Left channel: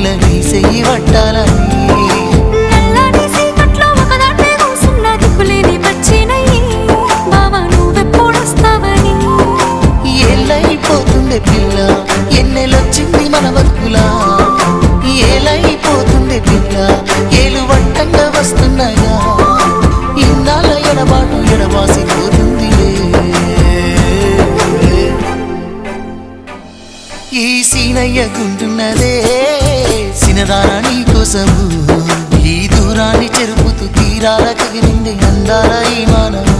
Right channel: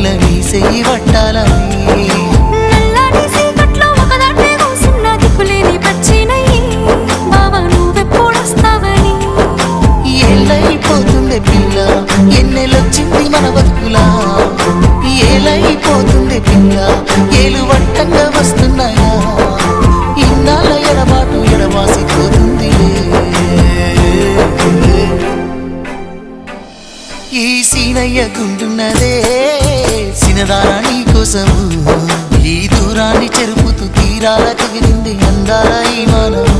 పిల్ల నీ చెయ్యి పట్టాలని నల్లని సీకట్లో ఒకదాన్నే కూసున్న దిక్కులేని పచ్చినయ్యి బావా నువ్వెప్పుడొస్తావని ఏళ్ళైపోతుంది పిల్ల ఎన్నెలొచ్చింది మన బతుకులా ఏలైపోతుంది పిల్ల ఏలు వట్టంగా వస్తున్నాగా ఇన్నాళ్ళ ఎడబాటు ఎడవాసిపోతుందిలే ఈ సీనయ్య గుంటున్నదే సినదారా నీ కోసము ఈ దూరాన్ని చెరుపుతూ తీరాల కగిరింది అందాల ఈ మానవు